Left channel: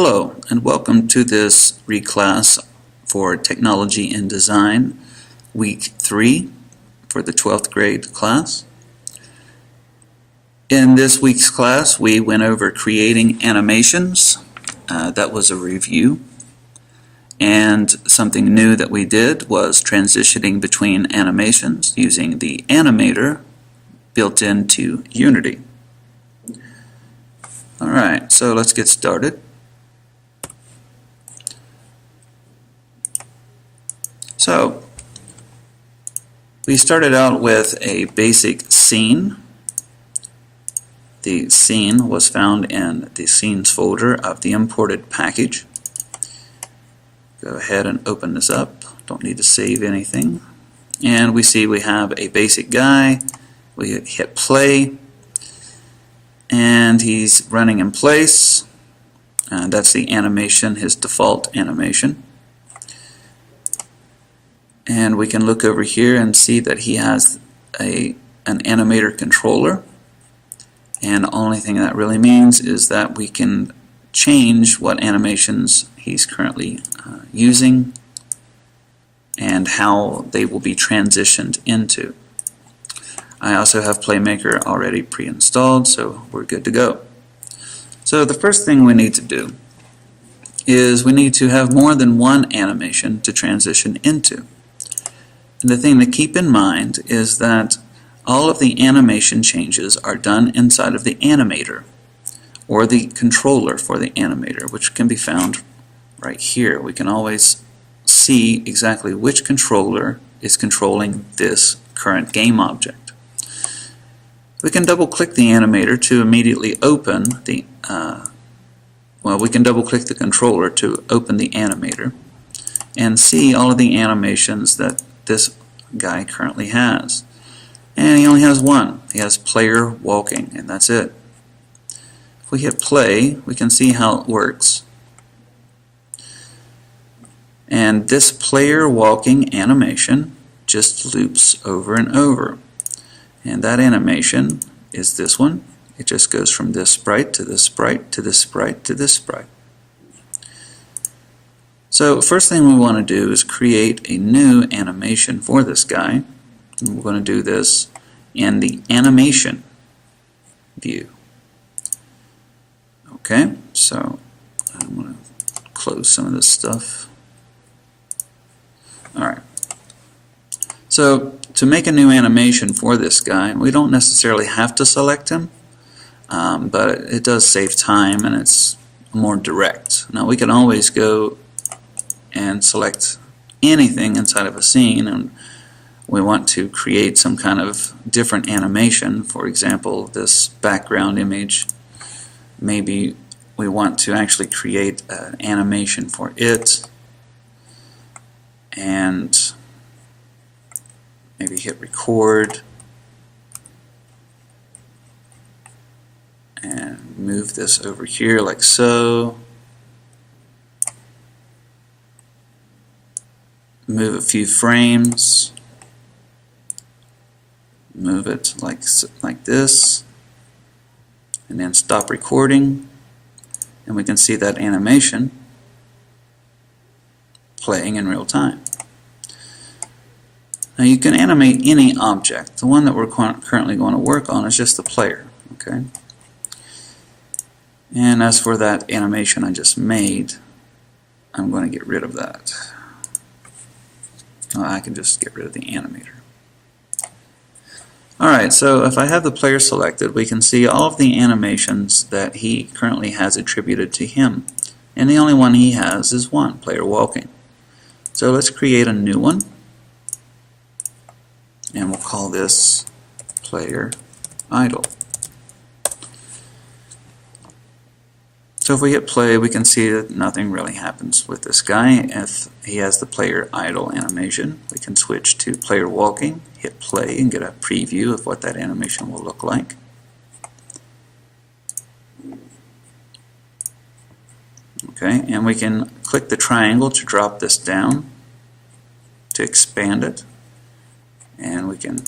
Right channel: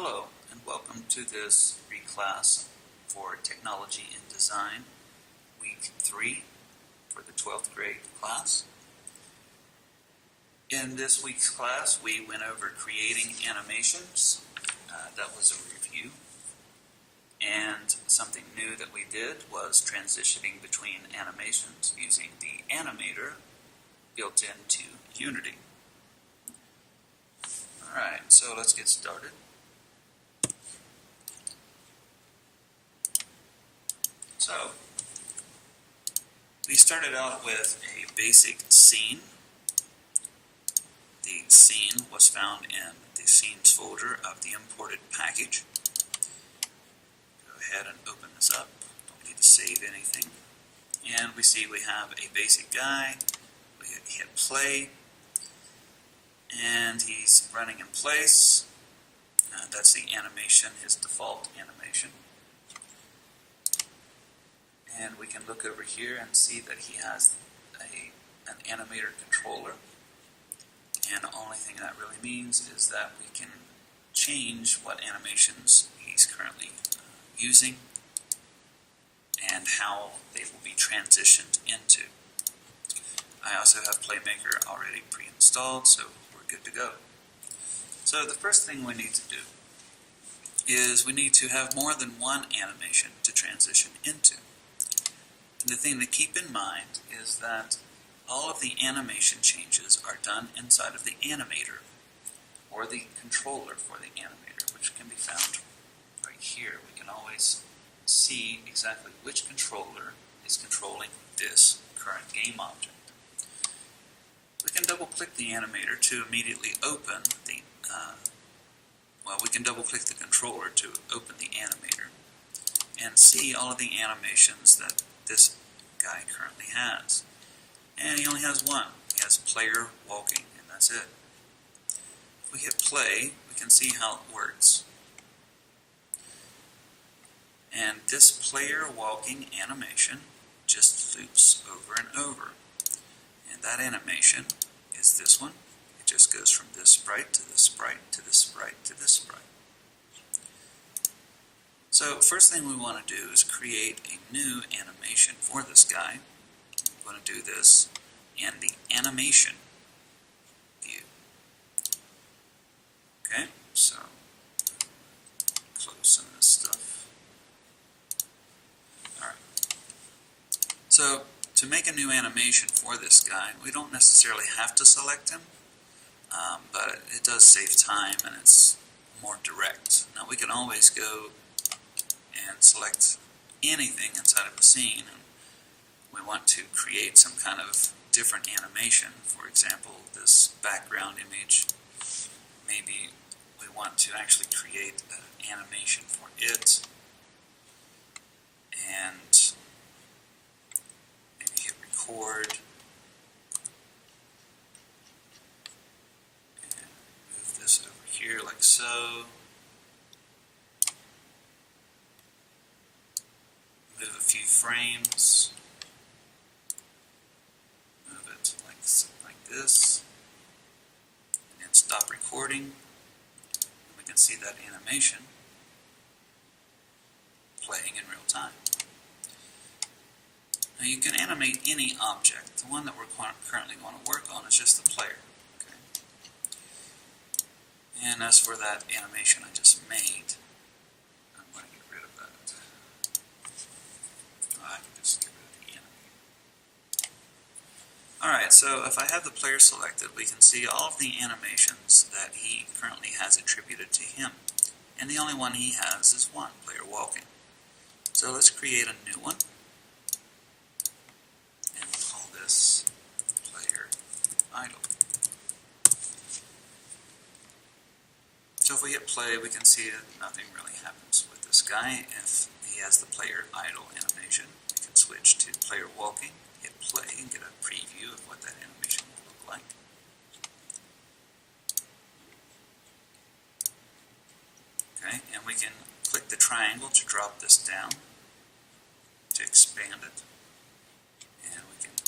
Hello and welcome to this Reclass for Technology and Design, Week 3 for the 12th grade class. In this week's class we went over creating animations. That was a review. And something new that we did was transitioning between animations using the Animator built into Unity. Alright, so let's get started. So, we started out with a basic scene. The scene was found in the scenes folder of the imported package. Go ahead and open this up. Don't need to save anything. And we see we have a basic guy. We hit play and he's running in place. That's the animation, his default animation. And we can look over here and see that he has an animator controller. And the only thing that really means is that we can change what animations he's currently using and how they will be transitioned into. I also have Playmaker already pre-installed, so we're good to go. So the first thing we need to do is we need to have more than one animation to transition into. And the thing to keep in mind is that all of the animation changes are done inside of the animator or the controller for the animator, which can be found right here. We can always see exactly which controller is controlling this current game object. We can double click the animator to immediately open the we can double click the controller to open the animator and see all of the animations that this guy currently has. And he only has one. He has player walking, and that's it. If we hit play, we can see how it works. And this player walking animation just loops over and over. And that animation is this one. It just goes from this sprite to this sprite to this sprite to this sprite. So first thing we want to do is create a new animation for this guy. And we're going to do this in the animation view. Okay, so I'm going to close some of this stuff. Alright, so to make a new animation for this guy, we don't necessarily have to select him, but it does save time and it's more direct. Now we can always go and select anything inside of a scene, and we want to create some kind of different animation. For example, this background image, maybe we want to actually create an animation for it and maybe hit record and move this over here like so. Move a few frames, move it like this, and then stop recording, and we can see that animation playing in real time. Now you can animate any object. The one that we're currently going to work on is just the player. Okay. And as for that animation I just made, I'm going to get rid of that. I can just get rid of the animator. Alright, so if I have the player selected, we can see all of the animations that he currently has attributed to him. And the only one he has is one, player walking. So let's create a new one. And we'll call this player idle. So if we hit play, we can see that nothing really happens with this guy. If he has the player idle animation, we can switch to player walking, hit play, and get a preview of what that animation will look like. Okay, and we can click the triangle to drop this down to expand it, and we can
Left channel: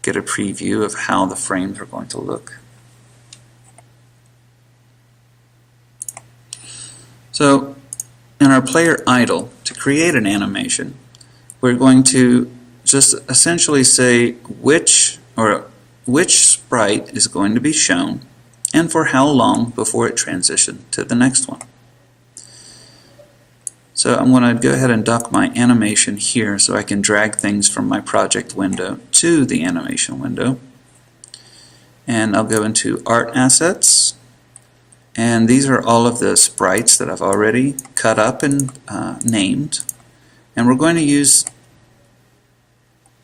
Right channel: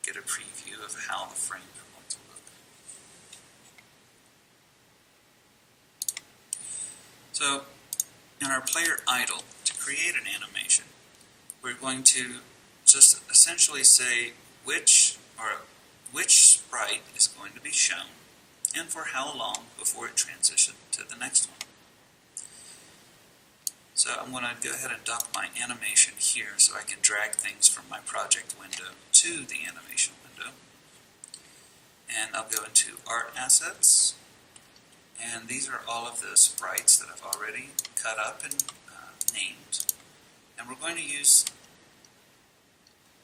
get a preview of how the frames are going to look. So in our player idle, to create an animation, we're going to just essentially say which sprite is going to be shown and for how long before it transitions to the next one. So I'm going to go ahead and dock my animation here so I can drag things from my project window to the animation window. And I'll go into Art Assets, and these are all of the sprites that I've already cut up and named. And we're going to use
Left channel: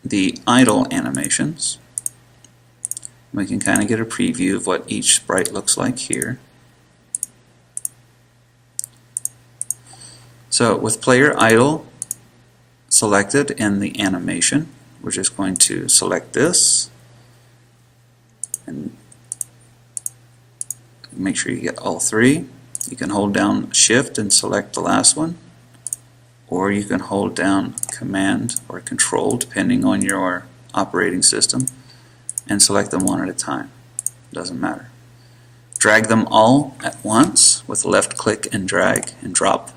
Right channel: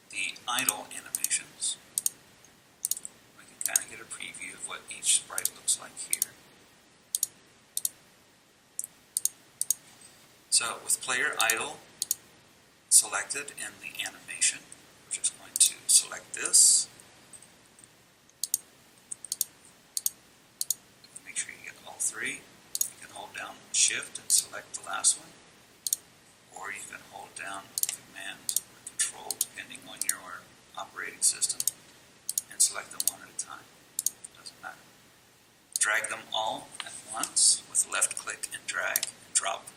the idle animations. We can kind of get a preview of what each sprite looks like here. So with player idle selected in the animation, we're just going to select this and make sure you get all three. You can hold down Shift and select the last one, or you can hold down Command or Control depending on your operating system and select them one at a time. Doesn't matter. Drag them all at once with left click and drag and drop.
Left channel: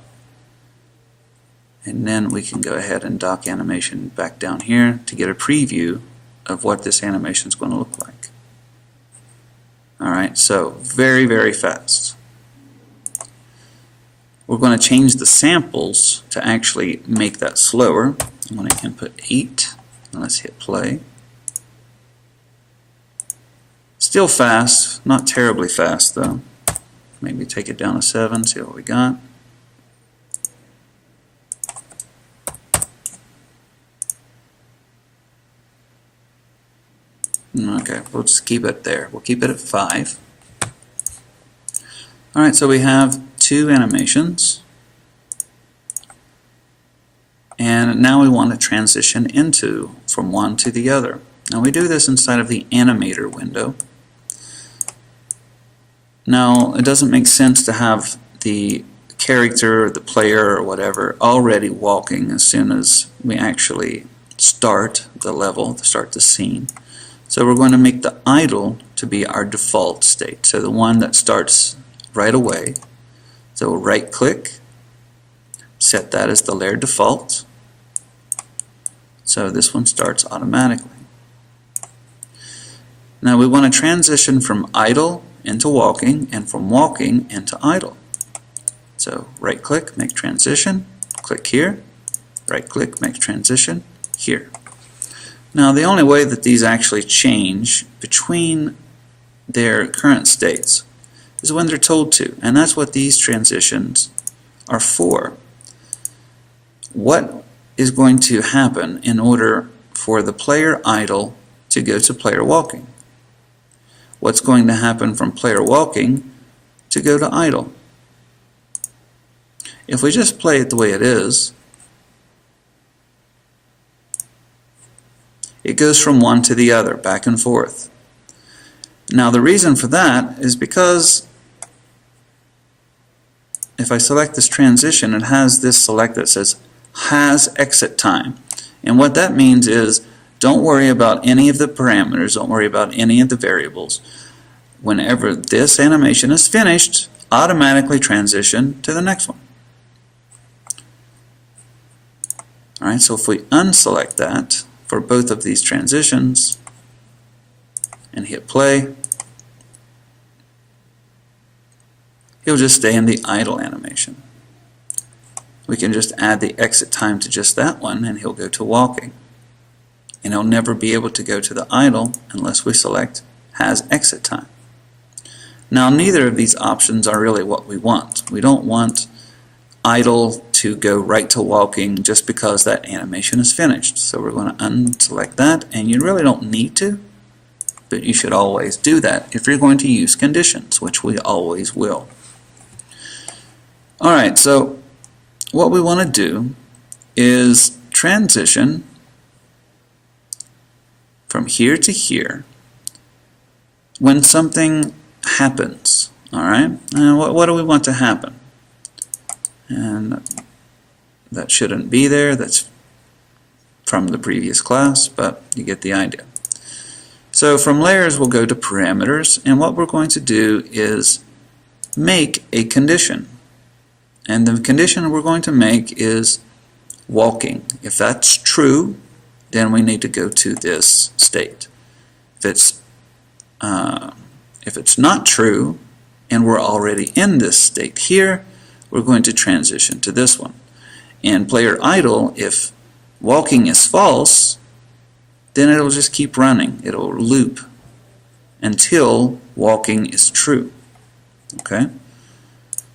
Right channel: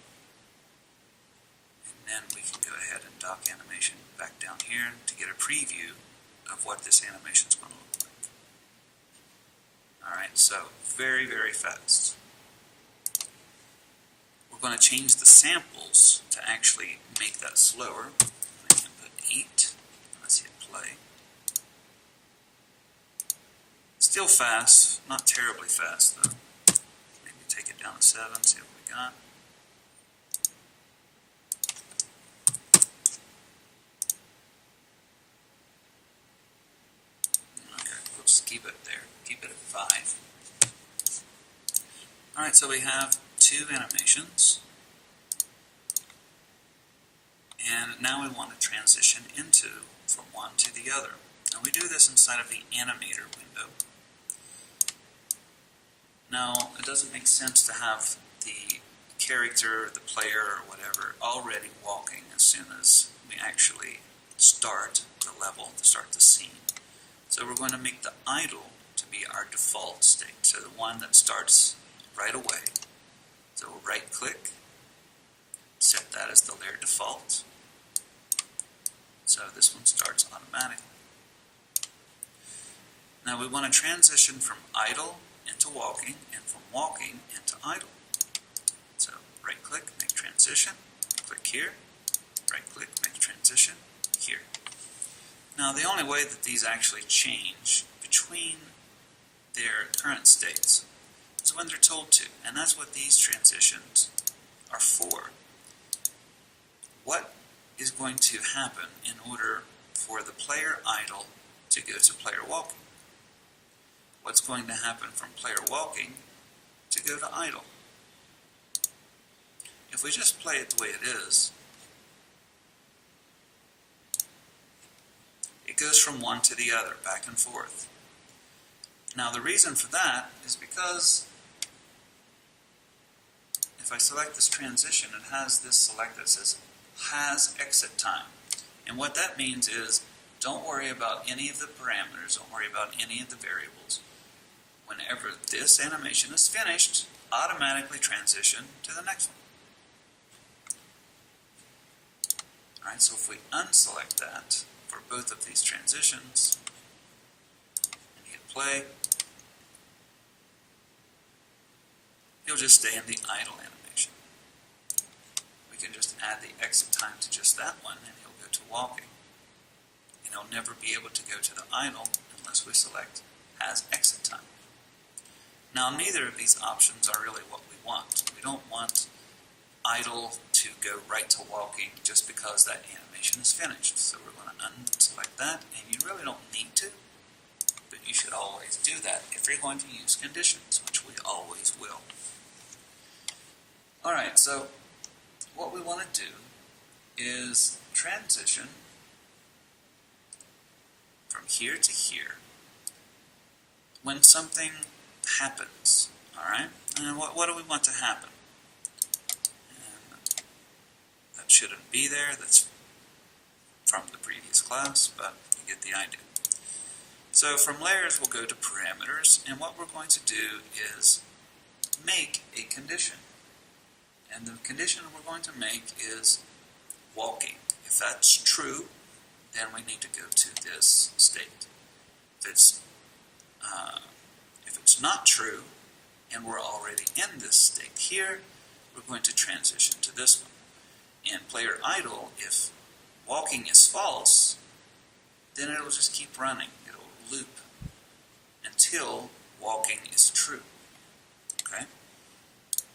And then we can go ahead and dock animation back down here to get a preview of what this animation is going to look like. Alright, so very, very fast. We're going to change the samples to actually make that slower. I'm going to input 8, and let's hit play. Still fast, not terribly fast though. Maybe take it down to 7, see what we got. Okay, we'll just keep it there. We'll keep it at 5. Alright, so we have 2 animations. And now we want to transition from one to the other. Now we do this inside of the Animator window. Now it doesn't make sense to have the character or the player or whatever already walking as soon as we actually start the level, start the scene. So we're going to make the idle to be our default state, so the one that starts right away. So we'll right click, set that as the layer default, so this one starts automatically. Now we want to transition from idle into walking and from walking into idle. So right click, make transition, click here, right click, make transition here. Now the only way that these actually change between their current states is when they're told to, and that's what these transitions are for. What is going to happen in order for the player idle to go to player walking? What's going to happen from player walking to go to idle? If we just play it the way it is, it goes from one to the other, back and forth. Now the reason for that is because if I select this transition, it has this select that says has exit time. And what that means is don't worry about any of the parameters, don't worry about any of the variables. Whenever this animation is finished, automatically transition to the next one. Alright, so if we unselect that for both of these transitions and hit play, he'll just stay in the idle animation. We can just add the exit time to just that one and he'll go to walking. And he'll never be able to go to the idle unless we select has exit time. Now neither of these options are really what we want. We don't want idle to go right to walking just because that animation is finished. So we're going to unselect that, and you really don't need to, but you should always do that if you're going to use conditions, which we always will. Alright, so what we want to do is transition from here to here when something happens. Alright, and what do we want to happen? And that shouldn't be there, that's from the previous class, but you get the idea. So from layers we'll go to parameters, and what we're going to do is make a condition. And the condition we're going to make is walking. If that's true, then we need to go to this state. If it's not true, and we're already in this state here, we're going to transition to this one. In player idle, if walking is false, then it'll just keep running. It'll loop until walking is true. Okay?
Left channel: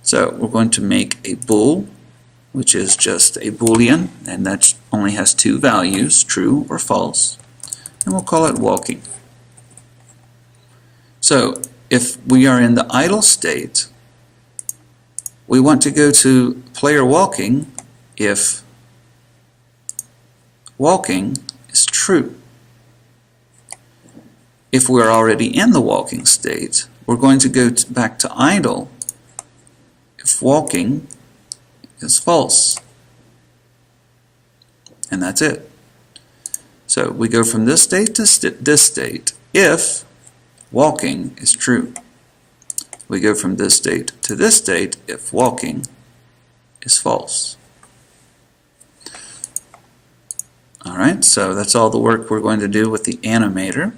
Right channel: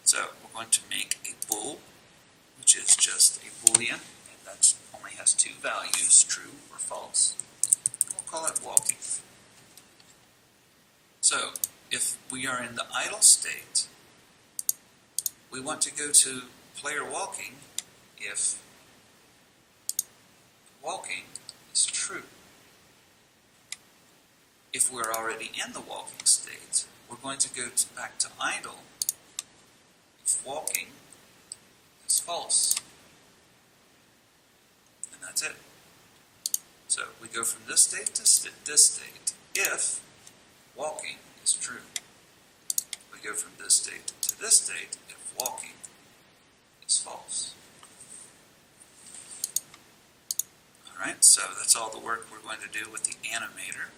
So we're going to make a bool, which is just a boolean, and that only has two values, true or false, and we'll call it walking. So if we are in the idle state, we want to go to player walking if walking is true. If we're already in the walking state, we're going to go back to idle if walking is false. And that's it. So we go from this state to this state if walking is true. We go from this state to this state if walking is false. Alright, so that's all the work we're going to do with the animator.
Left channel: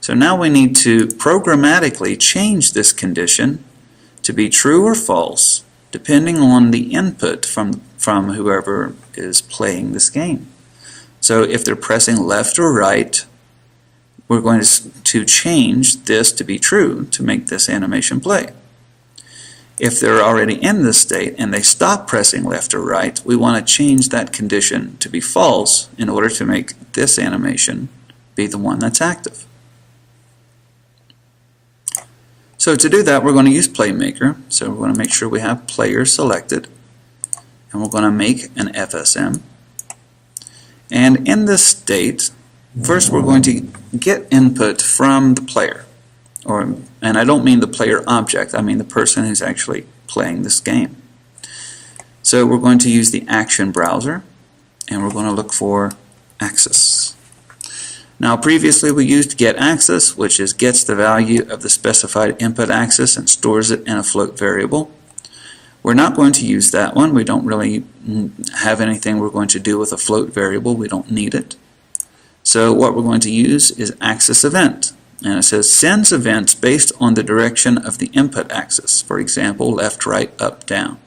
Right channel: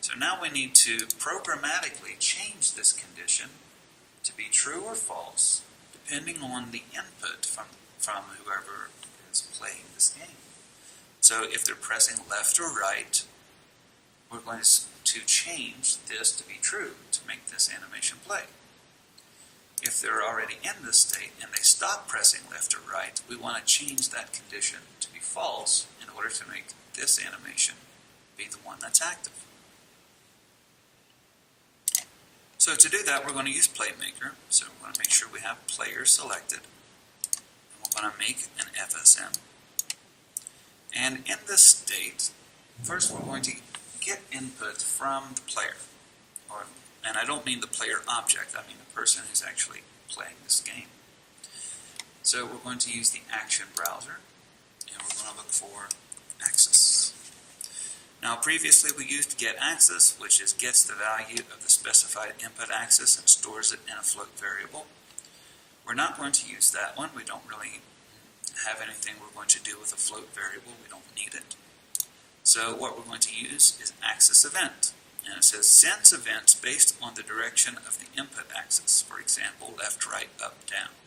So now we need to programmatically change this condition to be true or false depending on the input from whoever is playing this game. So if they're pressing left or right, we're going to change this to be true to make this animation play. If they're already in this state and they stop pressing left or right, we want to change that condition to be false in order to make this animation be the one that's active. So to do that, we're going to use Playmaker. So we're going to make sure we have player selected, and we're going to make an FSM. And in this state, first we're going to get input from the player. And I don't mean the player object, I mean the person who's actually playing this game. So we're going to use the action browser, and we're going to look for access. Now previously we used getAccess, which is gets the value of the specified input access and stores it in a float variable. We're not going to use that one. We don't really have anything we're going to do with a float variable. We don't need it. So what we're going to use is access event. And it says sends events based on the direction of the input axis. For example, left, right, up, down.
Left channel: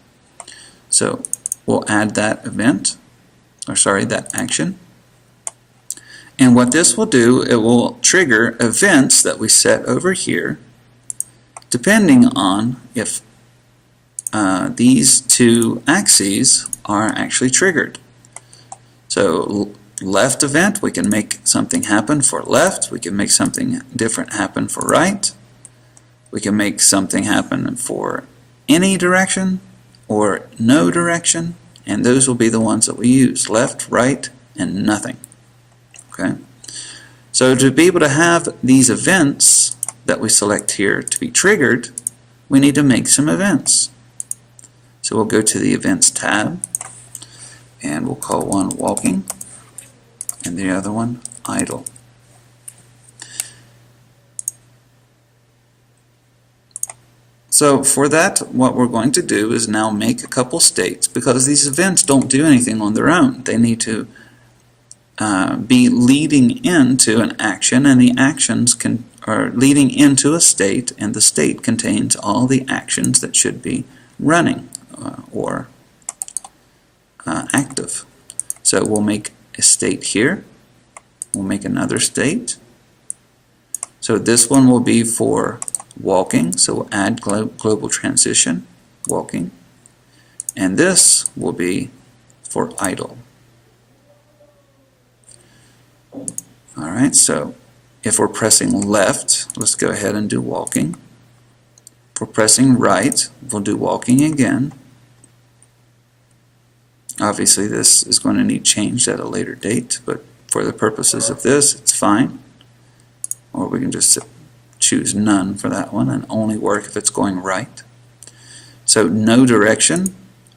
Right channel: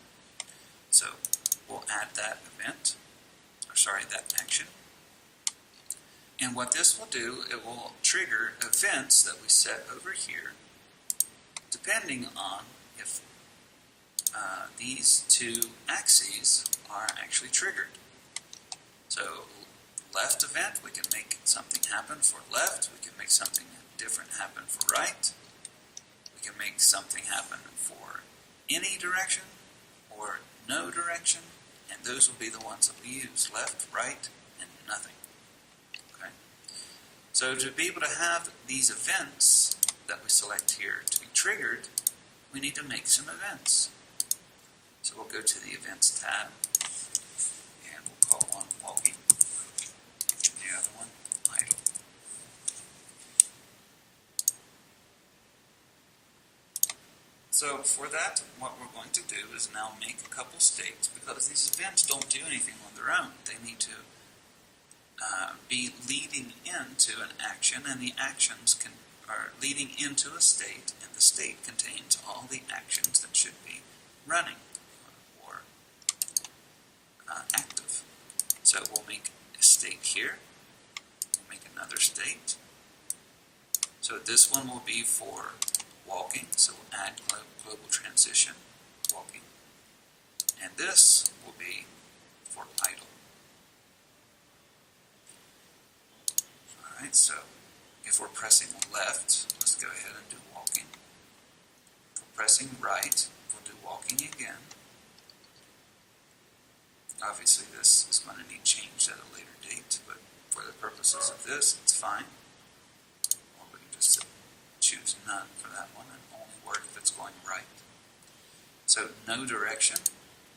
So we'll add that event, or sorry, that action. And what this will do, it will trigger events that we set over here, depending on if these two axes are actually triggered. So left event, we can make something happen for left. We can make something different happen for right. We can make something happen for any direction or no direction, and those will be the ones that we use, left, right, and nothing. Okay? So to be able to have these events that we select here to be triggered, we need to make some events. So we'll go to the Events tab, and we'll call one walking, and the other one idle. So for that, what we're going to do is now make a couple states, because these events don't do anything on their own. They need to be leading into an action, and the actions are leading into a state, and the state contains all the actions that should be running or active. So we'll make a state here. We'll make another state. So this one will be for walking, so we'll add global transition, walking. And this will be for idle. Alright, so if we're pressing left, let's go ahead and do walking. If we're pressing right, we'll do walking again. Obviously this is going to need changed at a later date, but for the purposes of this, it's fine. Or we can just choose none for that one and only work if it's going right. So no direction.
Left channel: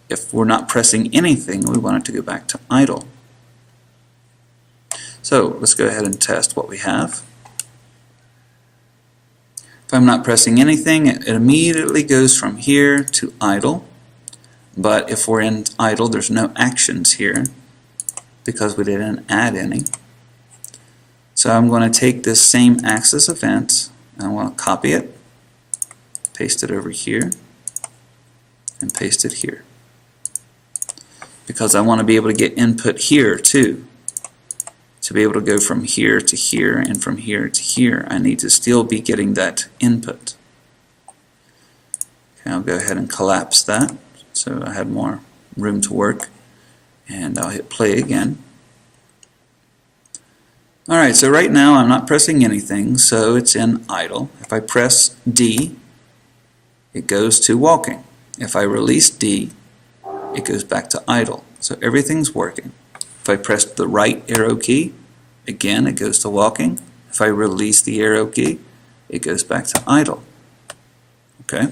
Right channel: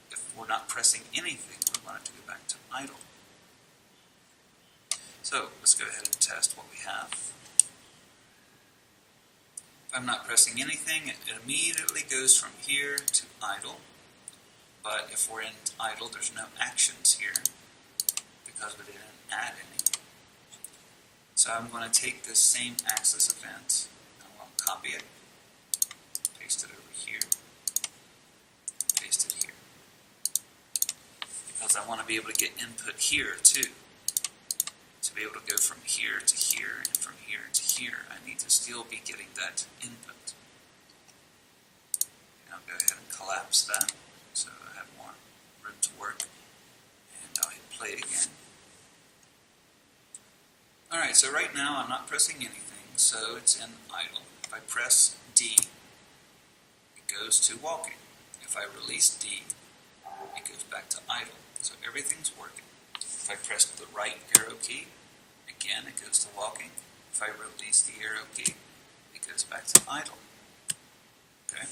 If we're not pressing anything, we want it to go back to idle. So let's go ahead and test what we have. If I'm not pressing anything, it immediately goes from here to idle. But if we're in idle, there's no actions here because we didn't add any. So I'm going to take this same axis event, and I want to copy it, paste it over here, and paste it here. Because I want to be able to get input here too. To be able to go from here to here and from here to here, I need to still be getting that input. Okay, I'll go ahead and collapse that so I have more room to work, and I'll hit play again. Alright, so right now I'm not pressing anything, so it's in idle. If I press D, it goes to walking. If I release D, it goes back to idle. So everything's working. If I press the right arrow key, again it goes to walking. If I release the arrow key, it goes back to idle. Okay?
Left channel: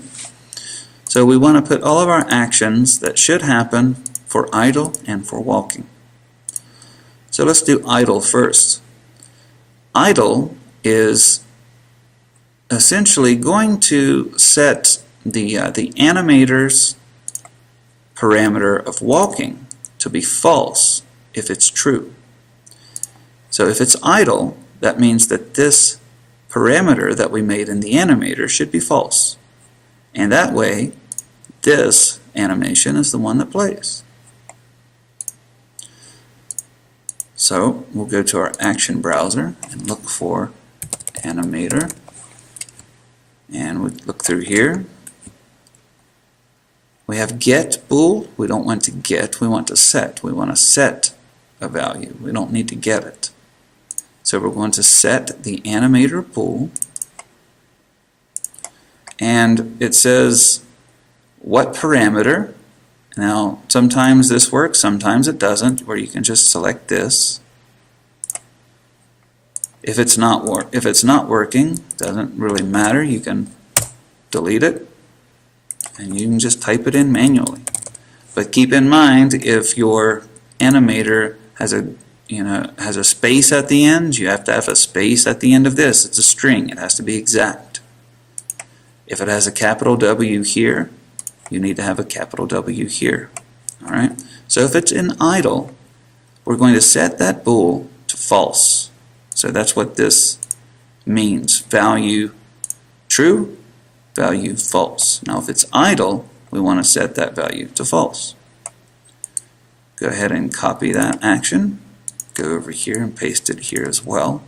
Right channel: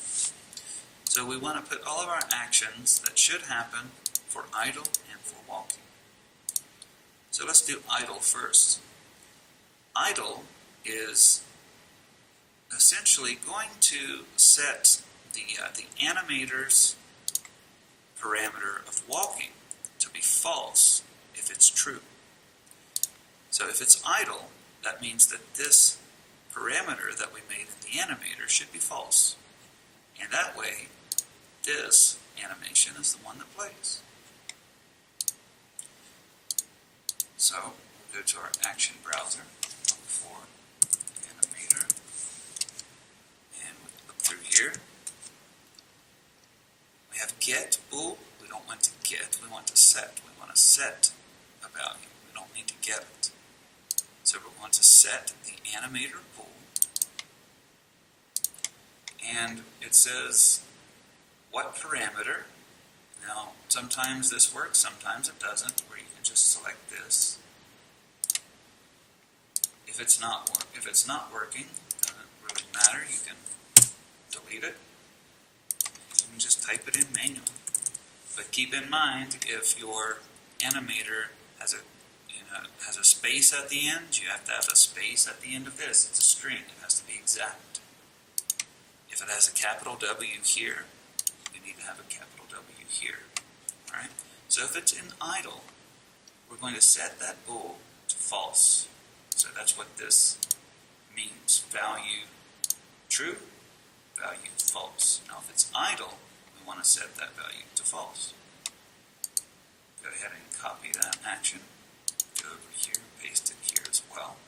So we want to put all of our actions that should happen for idle and for walking. So let's do idle first. Idle is essentially going to set the animator's parameter of walking to be false if it's true. So if it's idle, that means that this parameter that we made in the animator should be false. And that way, this animation is the one that plays. So we'll go to our action browser and look for Animator. And we look through here. We have get bool. We don't want to get, we want to set. We want to set a value. We don't need to get it. So we're going to set the Animator Pool. And it says what parameter. Now sometimes this works, sometimes it doesn't, where you can just select this. If it's not working, doesn't really matter. You can delete it, and you can just type it in manually. But keep in mind, if your animator has a space at the end, you have to have a space at the end of this. It's a string. It has to be exact. If it has a capital W here, you need to have a capital W here. All right. So if it's in idle, we're going to set that bool to false. So that's what this means. Value true, value false. Now if it's idle, we want to set that value to false. Go ahead and copy that action. Go over here and paste it here as well.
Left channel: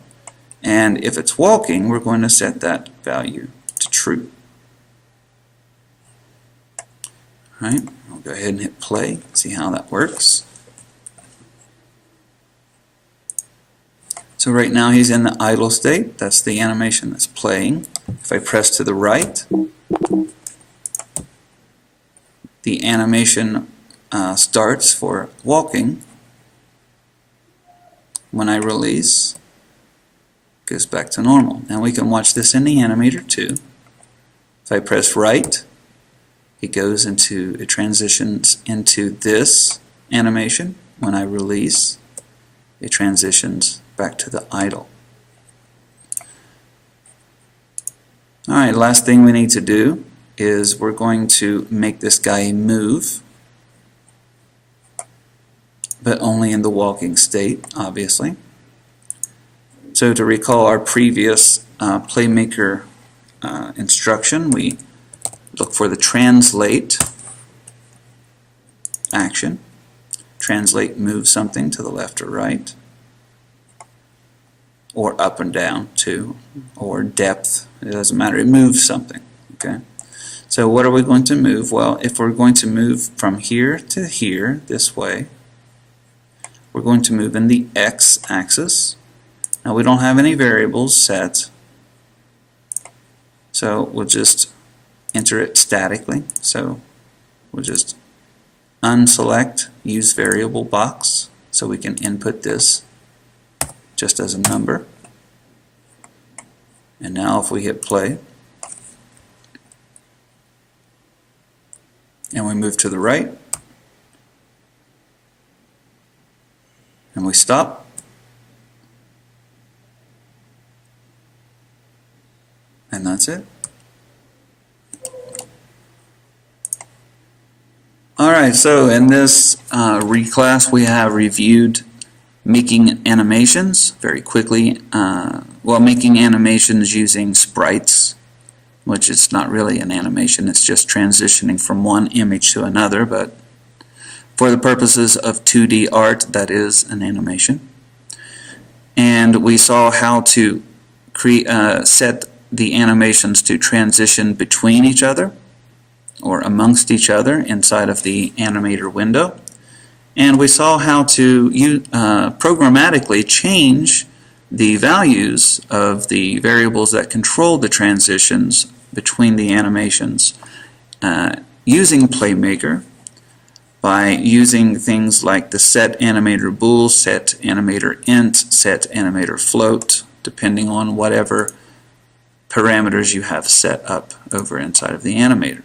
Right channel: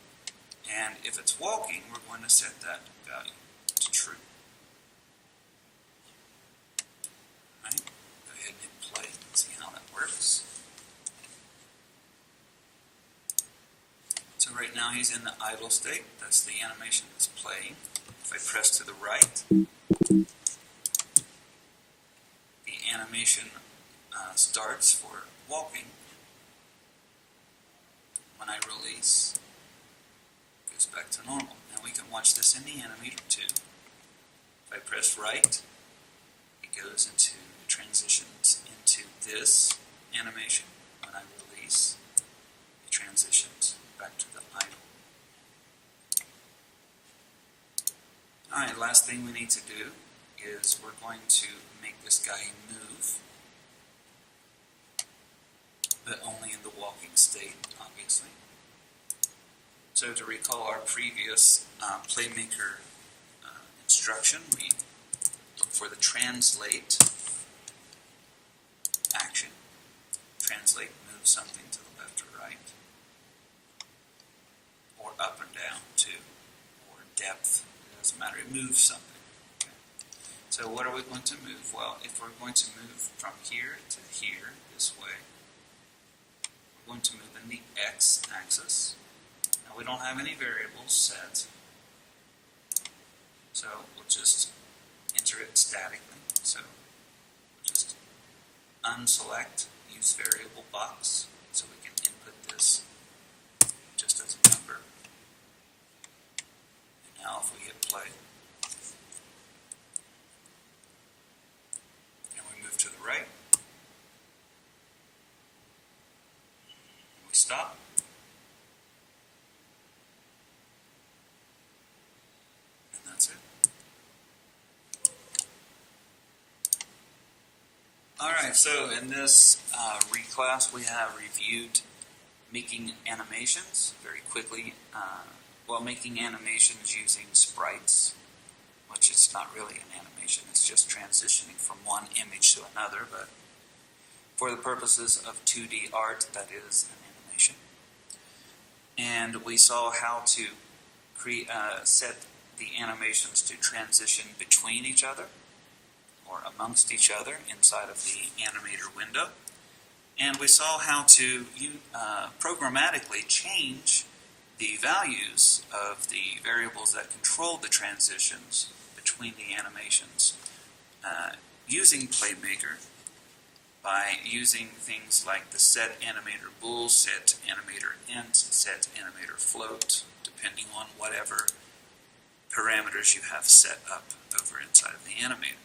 And if it's walking, we're going to set that value to true. All right, I'll go ahead and hit play, see how that works. So right now he's in the idle state. That's the animation that's playing. If I press to the right, the animation starts for walking. When I release, it goes back to normal. Now we can watch this in the animator too. If I press right, it transitions into this animation. When I release, it transitions back to the idle. Alright, last thing we need to do is we're going to make this guy move, but only in the walking state, obviously. So to recall our previous Playmaker instruction, we look for the translate action. Translate moves something to the left or right, or up and down too, or depth. It doesn't matter. It moves something. Okay. So what are we going to move? Well, if we're going to move from here to here this way, we're going to move in the x-axis. Now we don't have any variables set, so we'll just enter it statically. So we'll just unselect use variable box so we can input this just as a number. And now if we hit play and we move to the right and we stop, and that's it. Alright, so in this reclass we have reviewed making animations very quickly. Making animations using sprites, which is not really an animation, it's just transitioning from one image to another, but for the purposes of 2D art, that is an animation. And we saw how to set the animations to transition between each other or amongst each other inside of the Animator window. And we saw how to programmatically change the values of the variables that control the transitions between the animations using Playmaker by using things like the set animator bool, set animator int, set animator float, depending on whatever parameters you have set up over inside of the animator.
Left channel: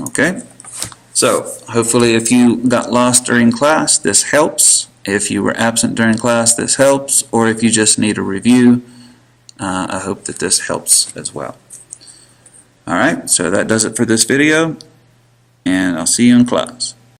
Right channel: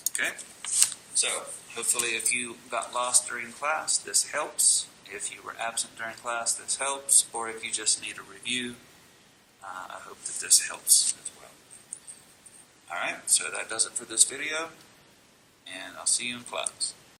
Okay, so hopefully if you got lost during class, this helps. If you were absent during class, this helps. Or if you just need a review, I hope that this helps as well. Alright, so that does it for this video, and I'll see you in class.